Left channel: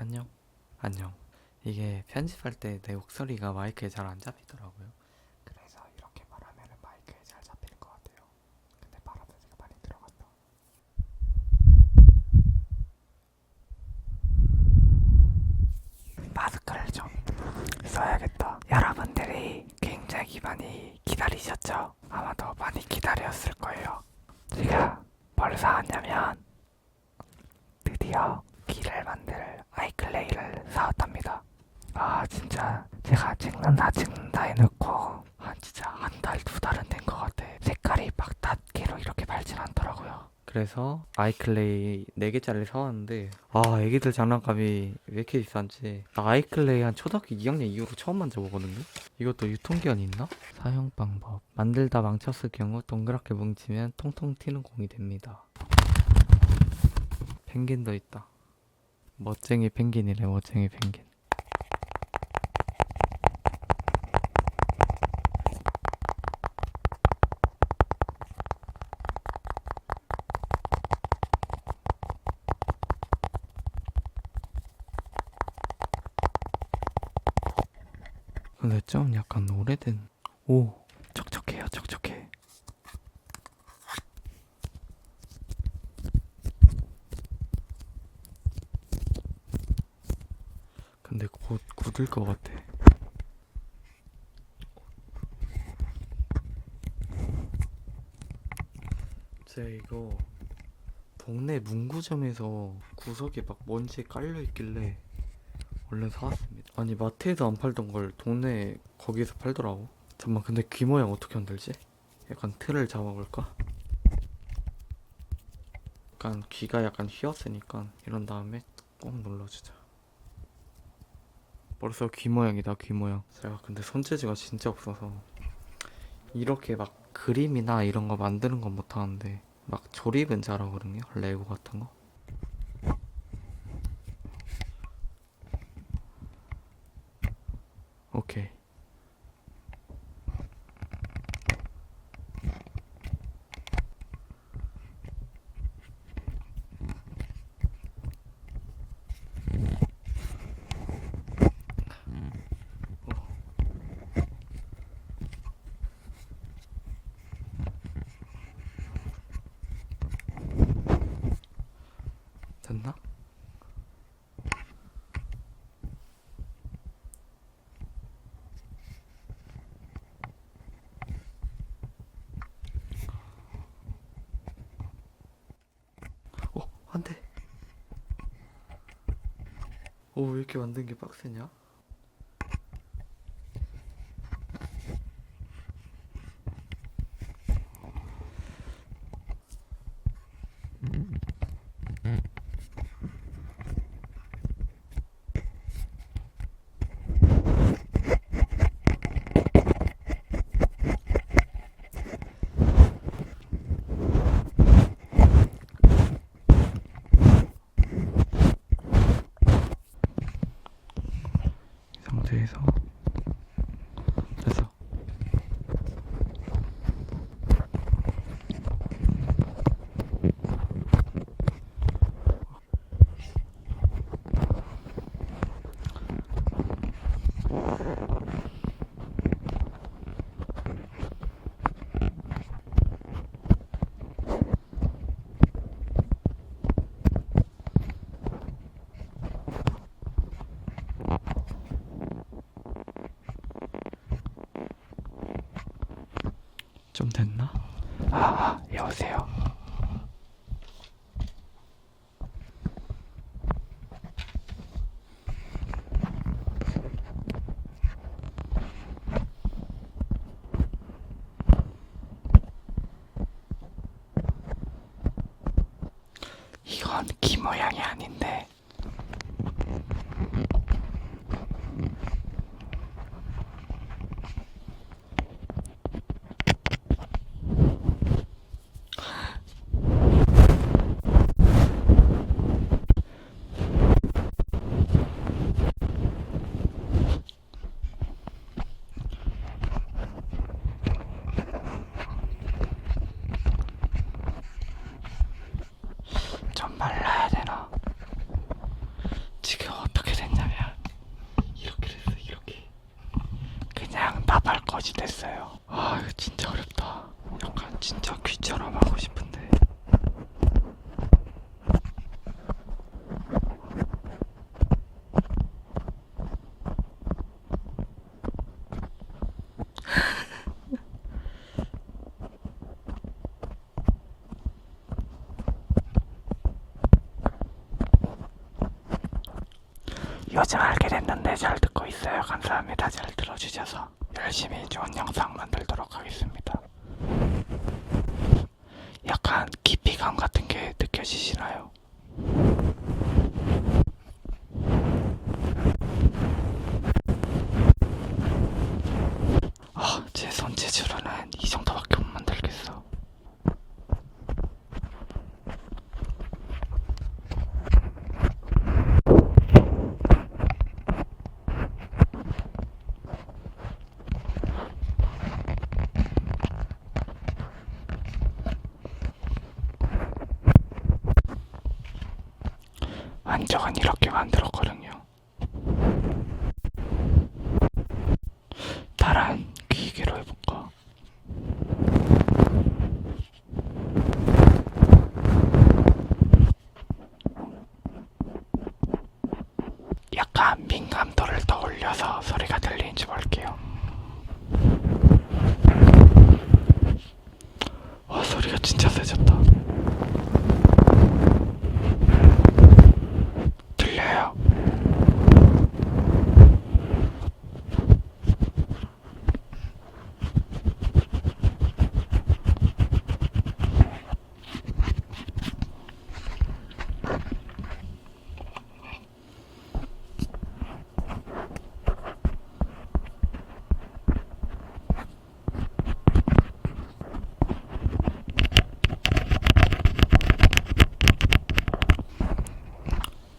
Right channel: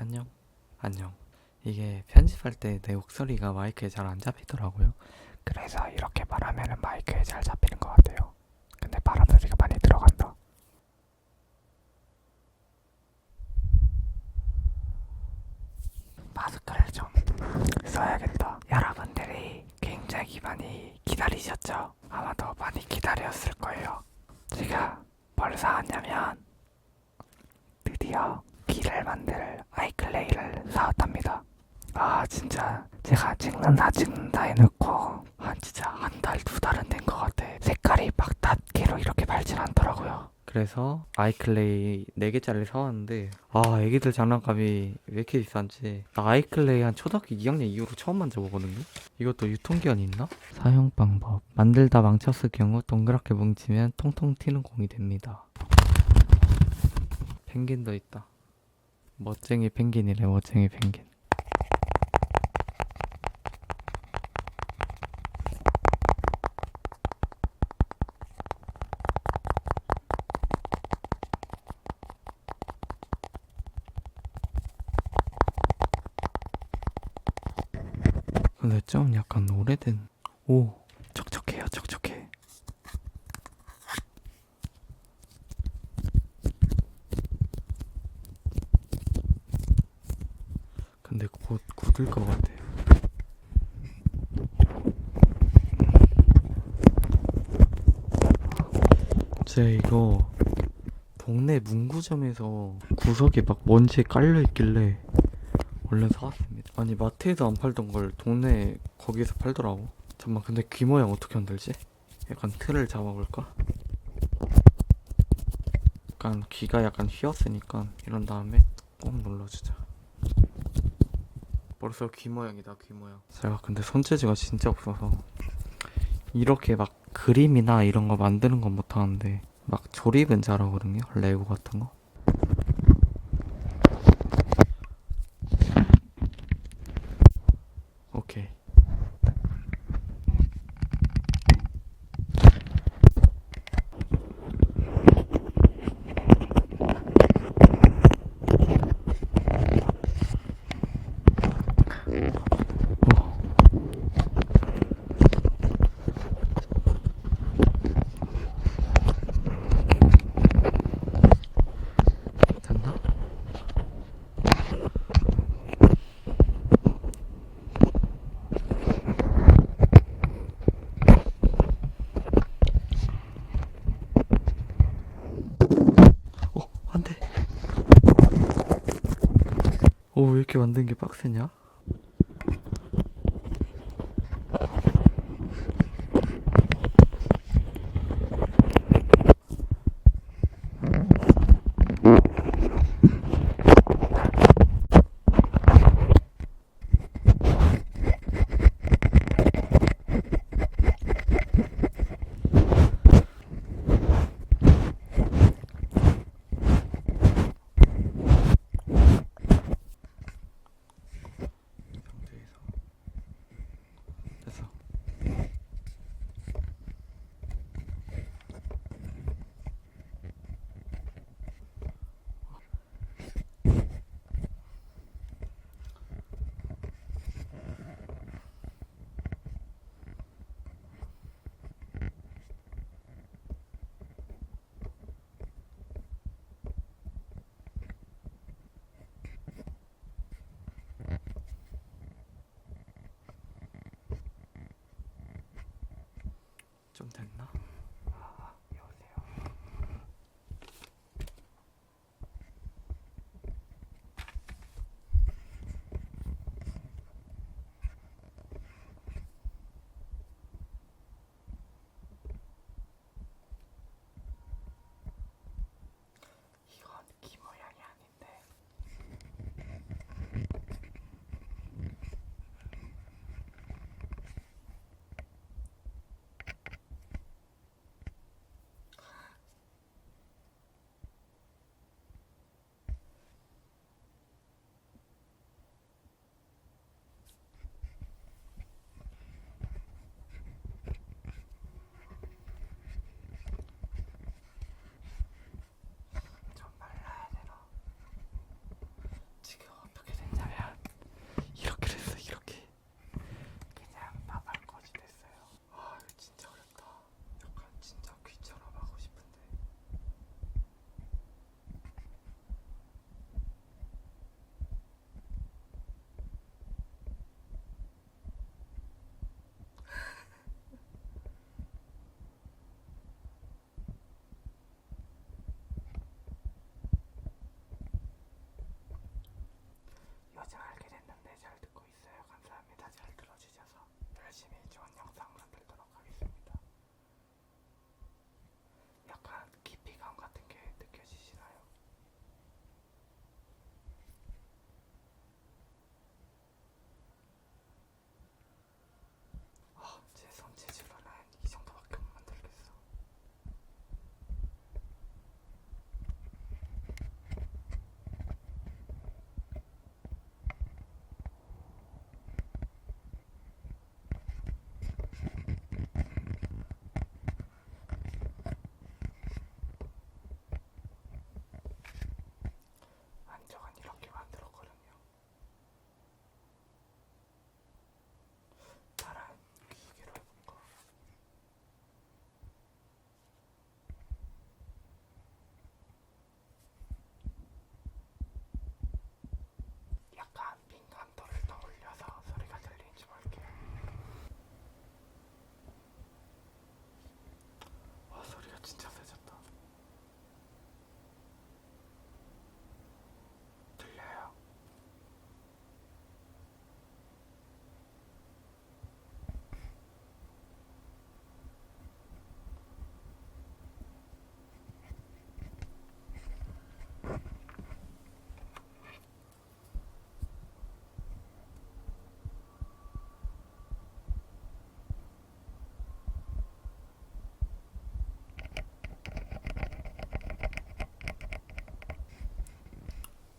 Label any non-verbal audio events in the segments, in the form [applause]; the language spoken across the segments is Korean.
안녕. 안녕. 이게 편집할 때 내 목소리가 마이크에 잘 안 잡히더라고요. 그래서 이렇게 말하면 마이크에 잘 잡히는 것 같아요. 근데 바람 소리가 많이 들어간다. 마스크를 좀 써야겠다. 여러분들이 굉장히 많이 기다리셨죠? 아마도 많이 기다렸을 거예요. 제가 뭘 사왔냐면 드디어 귀를 만들 아이클레이를 사왔답니다. 아 진짜. 제가 찍는다 찍는다 해놓고 한 진짜 한 달 두 달은 된 것 같아. 색깔이 막 닷개로 이렇게 밝진 않더라고요. 그래서 아이클레이 4개짜리 사왔는데 아 애기들 장난감이 왜 이렇게 비싼지. 나 아이클레이 한 초등학교 2학년 이후로 처음 만져보거든요? 이것도 유통기한이 있나? 사용 방법. 만들다 망쳤을 경우 동그랗게 뭉치면 통통 튀는 공이 됩니다. 펭귄도 있다 멋쟁이 펭귄이래 멋쟁이 펭귄. 근데 좀 약간 오래된 오 촉촉해요 촉촉해 근데 곧 굳을 것 같아 제 이거 동네 문구점에서 구석에 막 먼지에 깔려 있길래 얼른 사왔습니다. 아니 마트에서 안 팔던 걸 동네 거기에서 팔더라고. 잠만 근데 귀 모양 어떻게 만들지? 약간 틀을 잡아볼까? 약간 귀가 약간 휘었으니까 이런 다음에 꼭 눌러주자. 벌써 귀 모양이다 귀 모양. 제가 근데 손재주가 진짜 없어서 이렇게 막 그림이나 이런 거 만드는 건 못하는데 막 조립은 잘하거든요. 레고 같은 거. 오케이. 오. 됐나? 어, 안 돼. 오, 왜 이렇게 만든 게 빡세냐? 이 상태에서 됐어. 좀 됐나? 아, 아 여보세요 이건 귀 모양이 말라야 요즘 알게 됐는데 잘 듣고 있어요. 감사합니다. 잘 들어주셔서 열심히 좋은 영상 만들도록 하겠습니다. 약간 깊이감 같은 게 느껴지시나요? 아, 제 손재주로는 이 정도밖에 못 만들겠어. 안쪽은 이렇게 만들었거든요. 기계로 해볼까? 약간 민감도를 더 올려서 소리가 들리는지 볼게요. 와 소리가 진짜 세졌다. 들려요.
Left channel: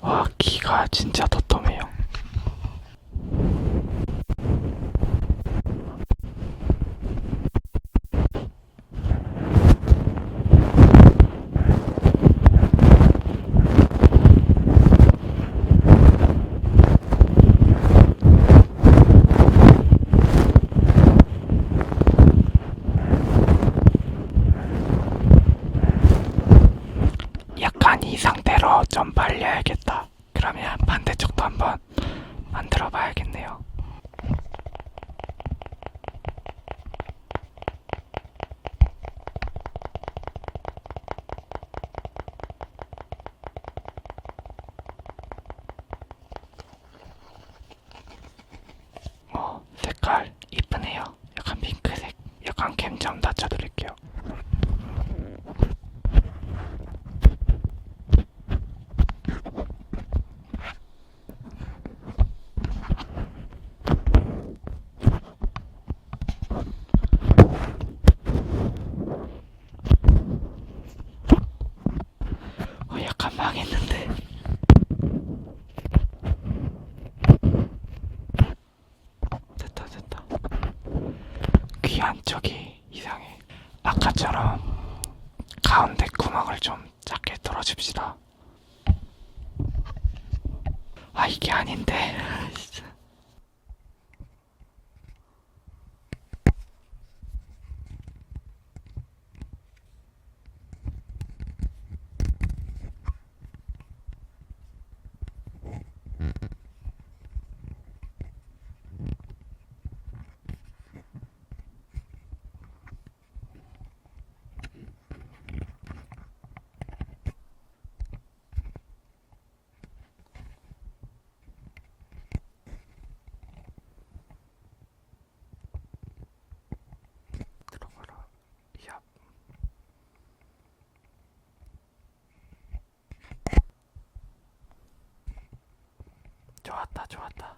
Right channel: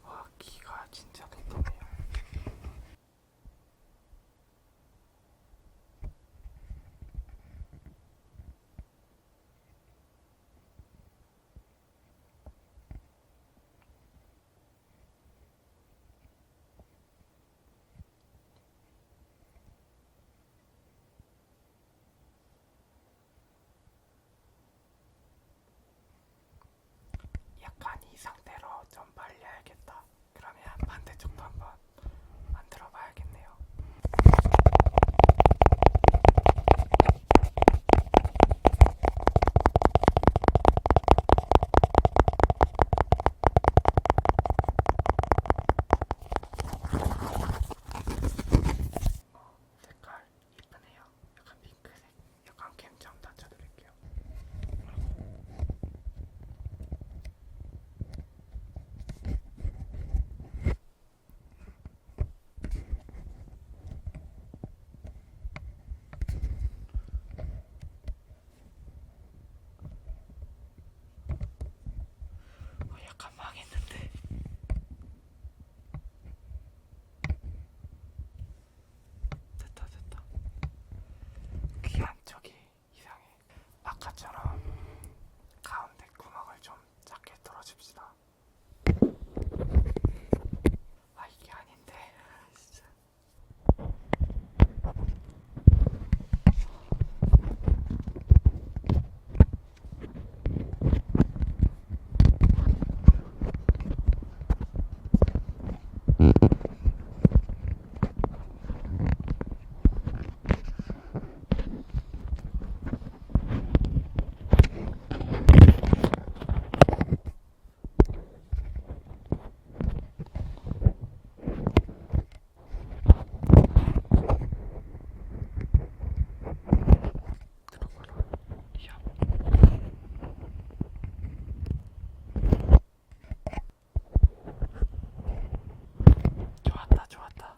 와 귀가 진짜 도톰해요. 약간 이 상태로 좀 발려야겠다. 그러면 반대쪽도 한번 만들어 봐야겠네요. 어, 색깔 이쁘네요. 약간 핑크색. 약간 캠 좀 낮춰드릴게요. 어, 약간 망했는데. 됐다, 됐다. 귀 안쪽이 이상해. 아까처럼 가운데 구멍을 좀 작게 뚫어줍시다. 아, 이게 아닌데. 진짜. 들어봐라. 야. 좋았다, 좋았다.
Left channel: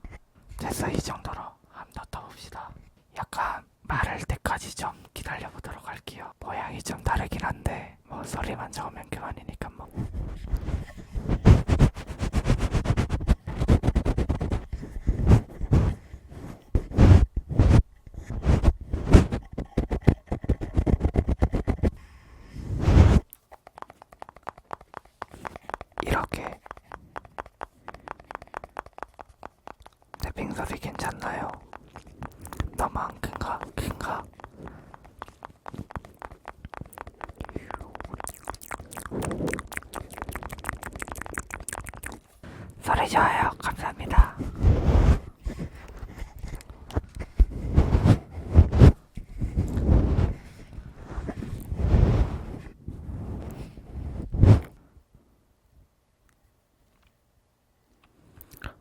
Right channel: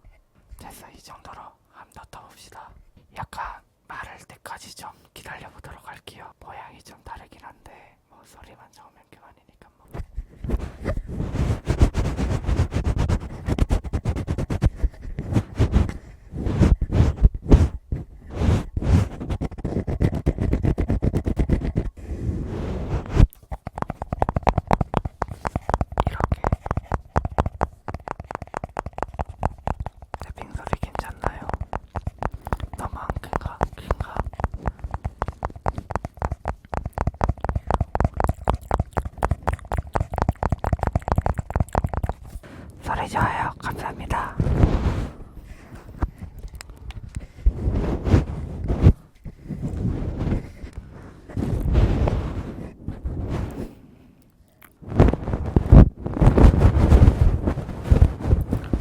됐어, 이 정도로 한번더 봅시다. 약간 말할 때까지 좀 기다려 보도록 할게요. 모양이 좀 다르긴 한데 뭐 소리만 좋으면 그만이니까 뭐. 이렇게 탭핑 소리 괜찮나요? 너무 안 큰가? 큰가? 소리 좋아요. 감사합니다.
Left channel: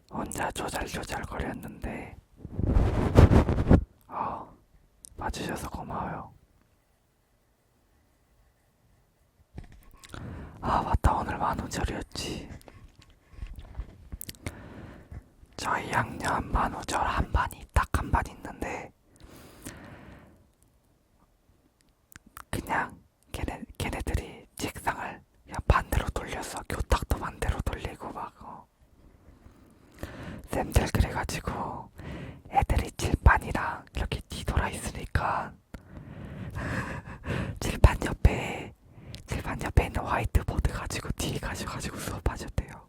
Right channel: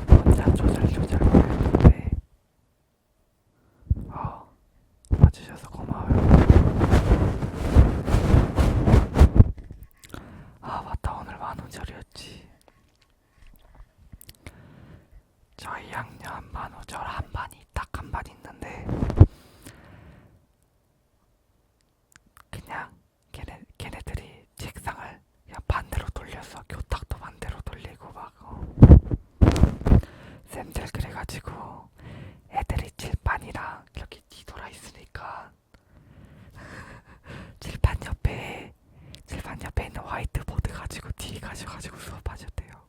혼자 진짜 조잘조잘거렸는데 어, 봐주셔서 고마워요. 아 맞다 오늘 만우절이었지. 저희 학년 만우절 한 반이 딱 한 반 있는데 그냥 걔네 걔네들이 책상을 그냥 반대로 돌려서 교탁도 반대로 돌리고 막 어. 쌤들 그래가지고 애들이 칠판이랑 이렇게 뒤돌아 있으니까 [laughs] 칠판 옆에 칠판 옆에 있는 화이트보드 가지고 뒤에 가셔가지고 수업하셨대요.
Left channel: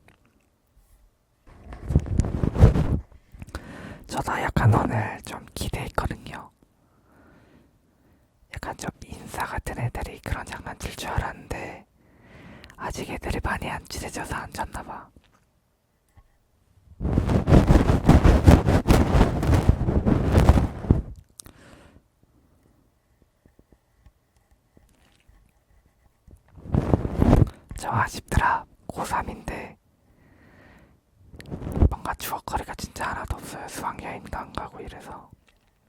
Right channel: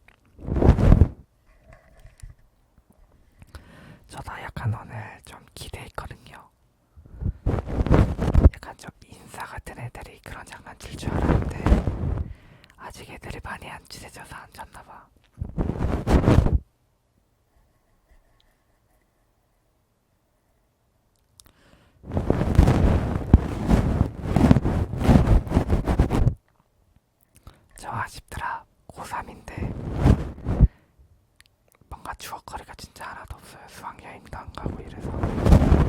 저도 약간 오늘 좀 기대했거든요. 약간 좀 인싸 같은 애들이 그런 장난 칠 줄 알았는데 아직 애들이 많이 안 친해져서 안 잤나봐. 저 아쉽더라. 고3인데 뭔가 추억거리가 진짜 하나도 없어요. 수학여행 도 안 가고 이래서.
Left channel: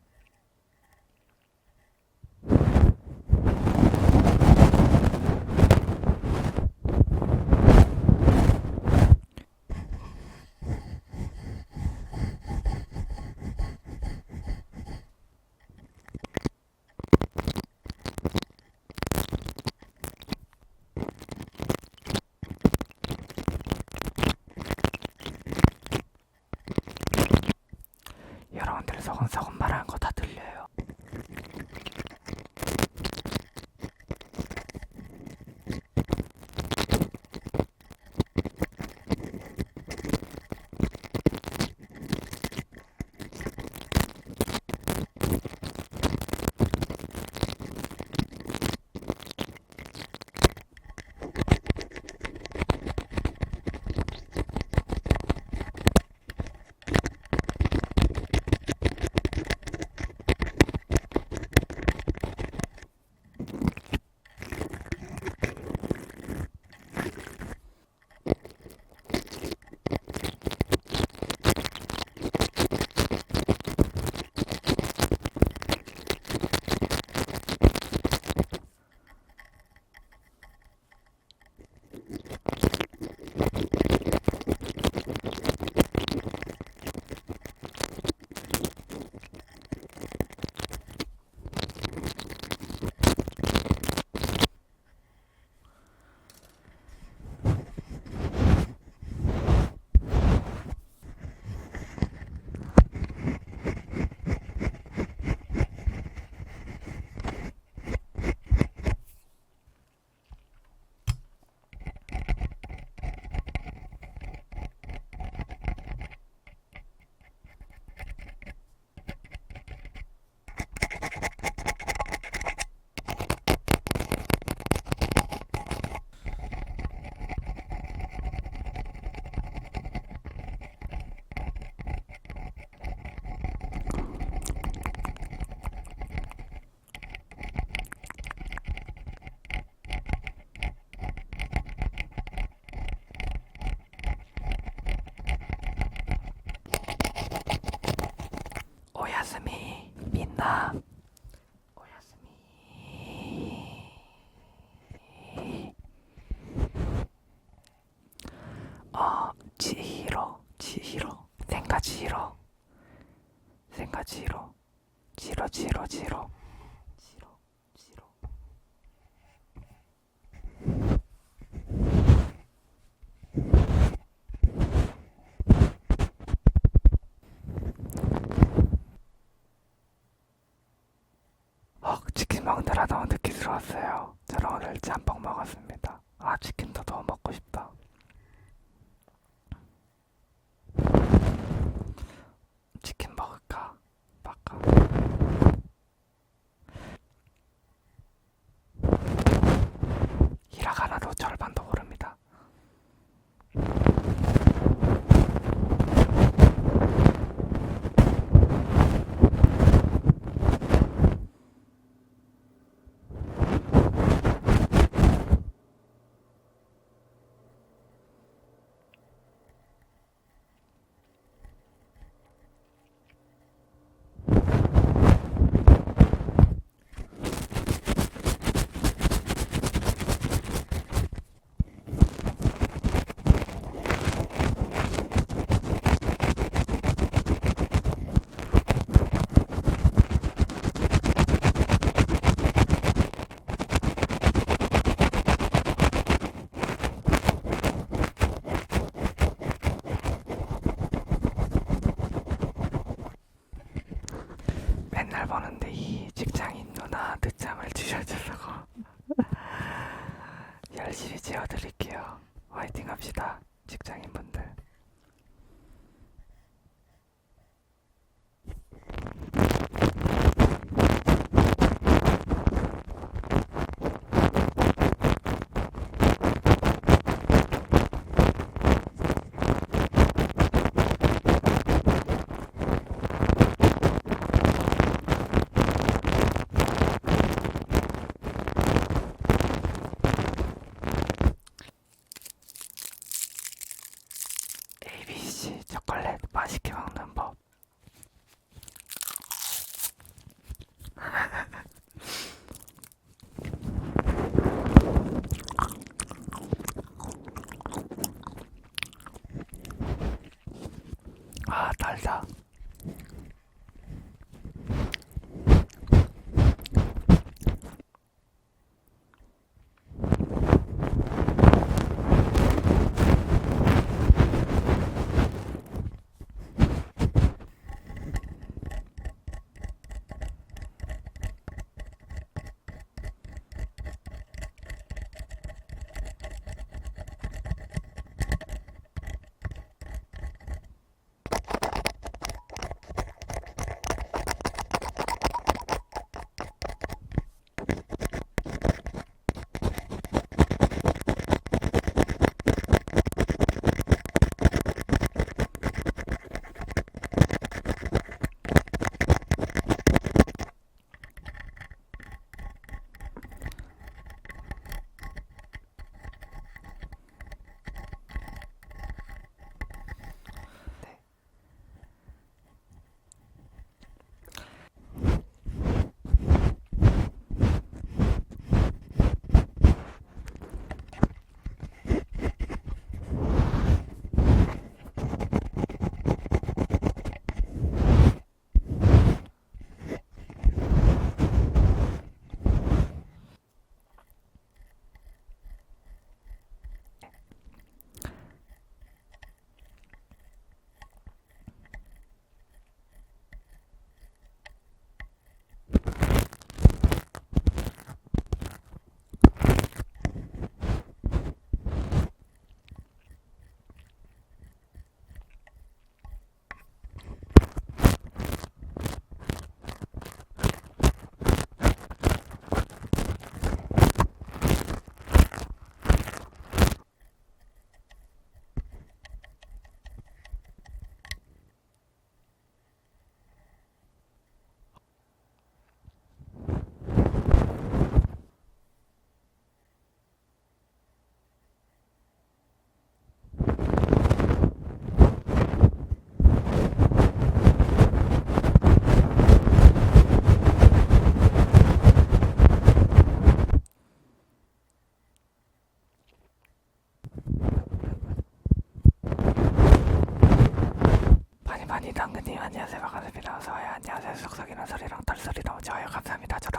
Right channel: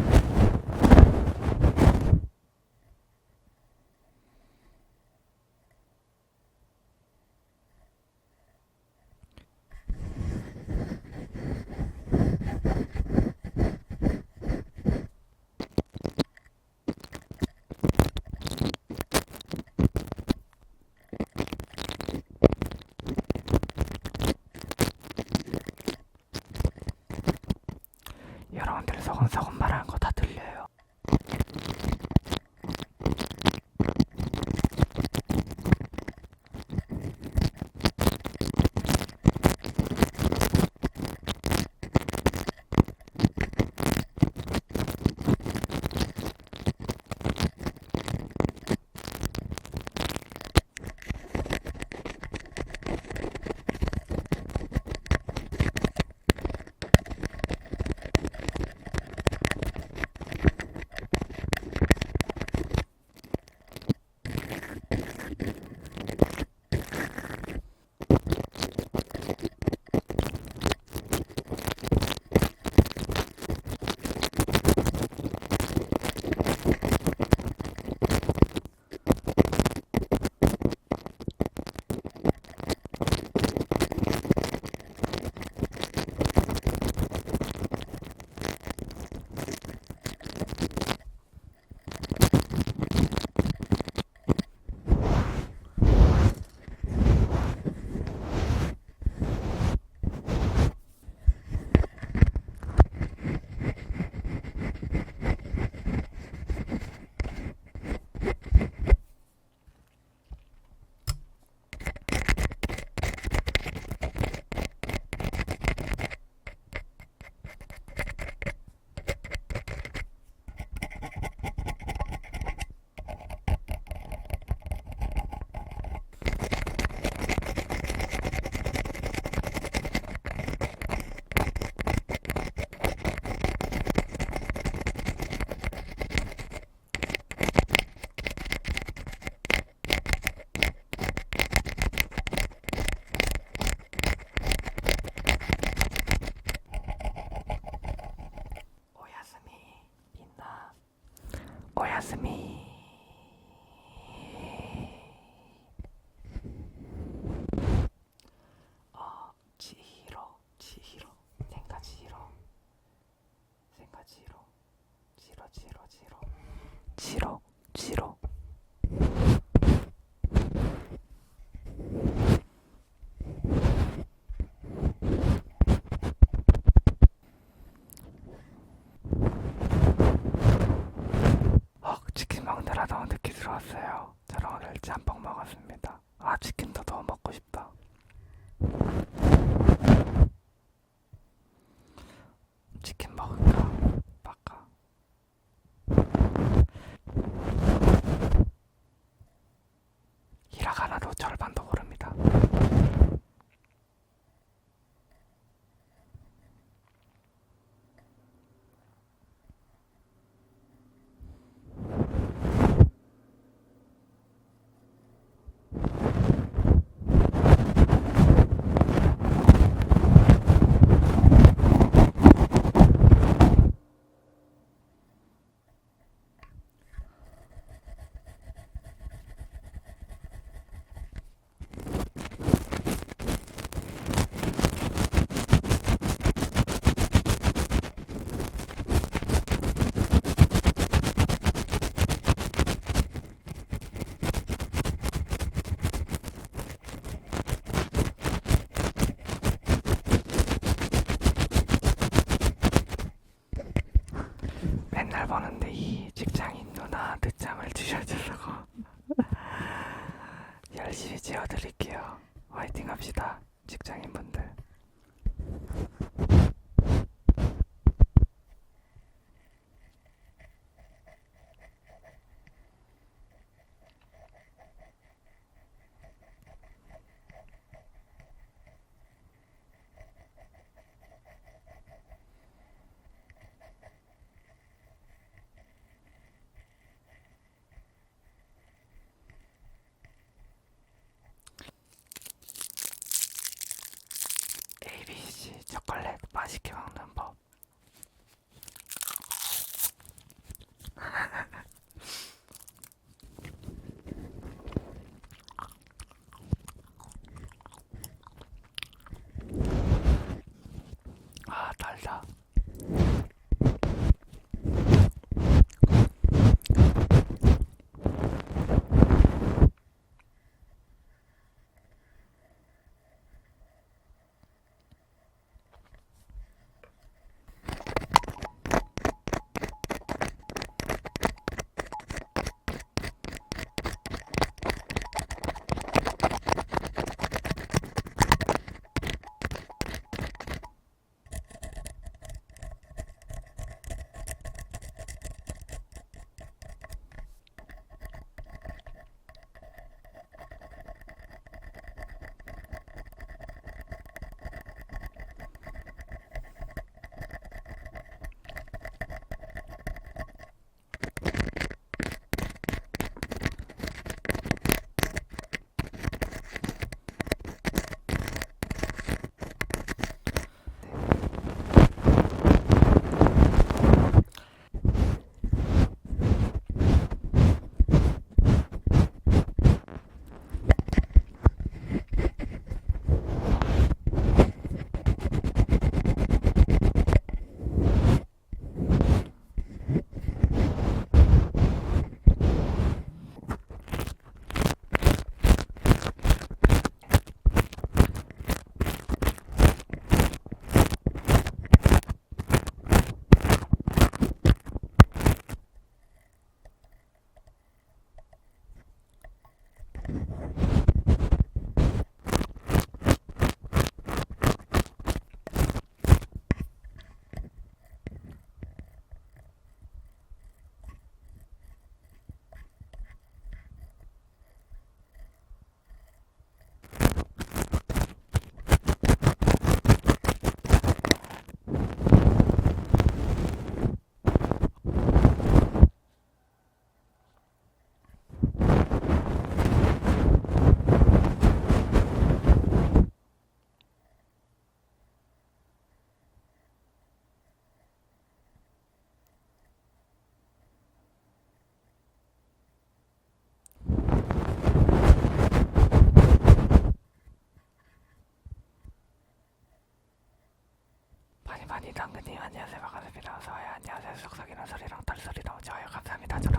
지히로 지로 지로 지로 지로 지로 어, 치킨 먹느라 너무 늦게 들어왔어요. 저는 오늘 짬뽕 먹었습니다. 아, 치킨 늦잠을 주셔서 [laughs] 열심히 재워드릴게요. 화이팅 합시다. 직장인분들.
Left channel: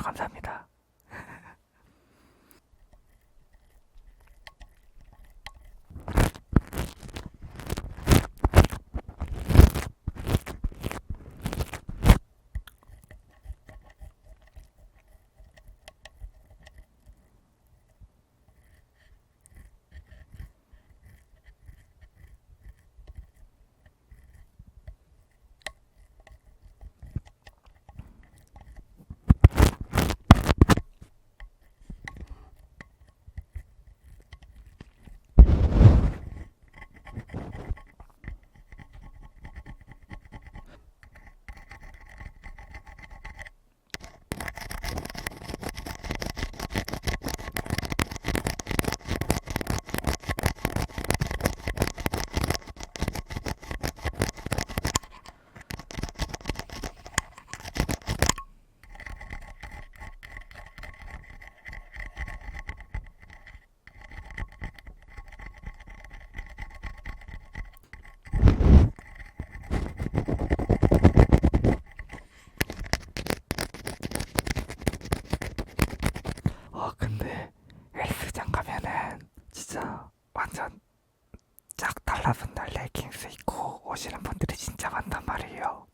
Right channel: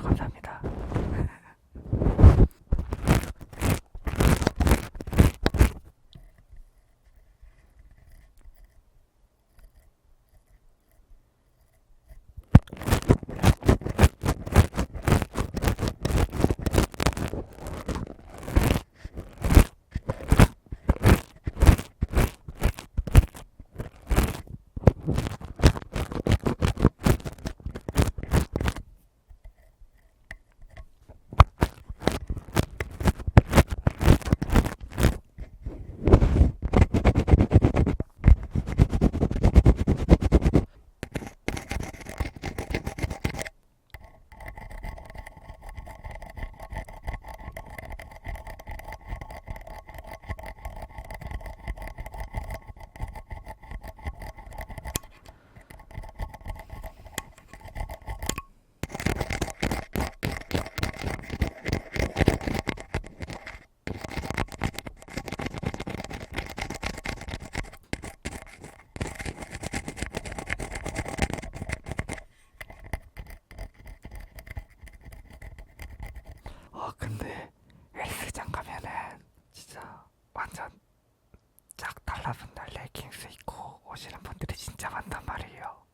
감사합니다. 오시는 분들이 진짜 많단 말이에요.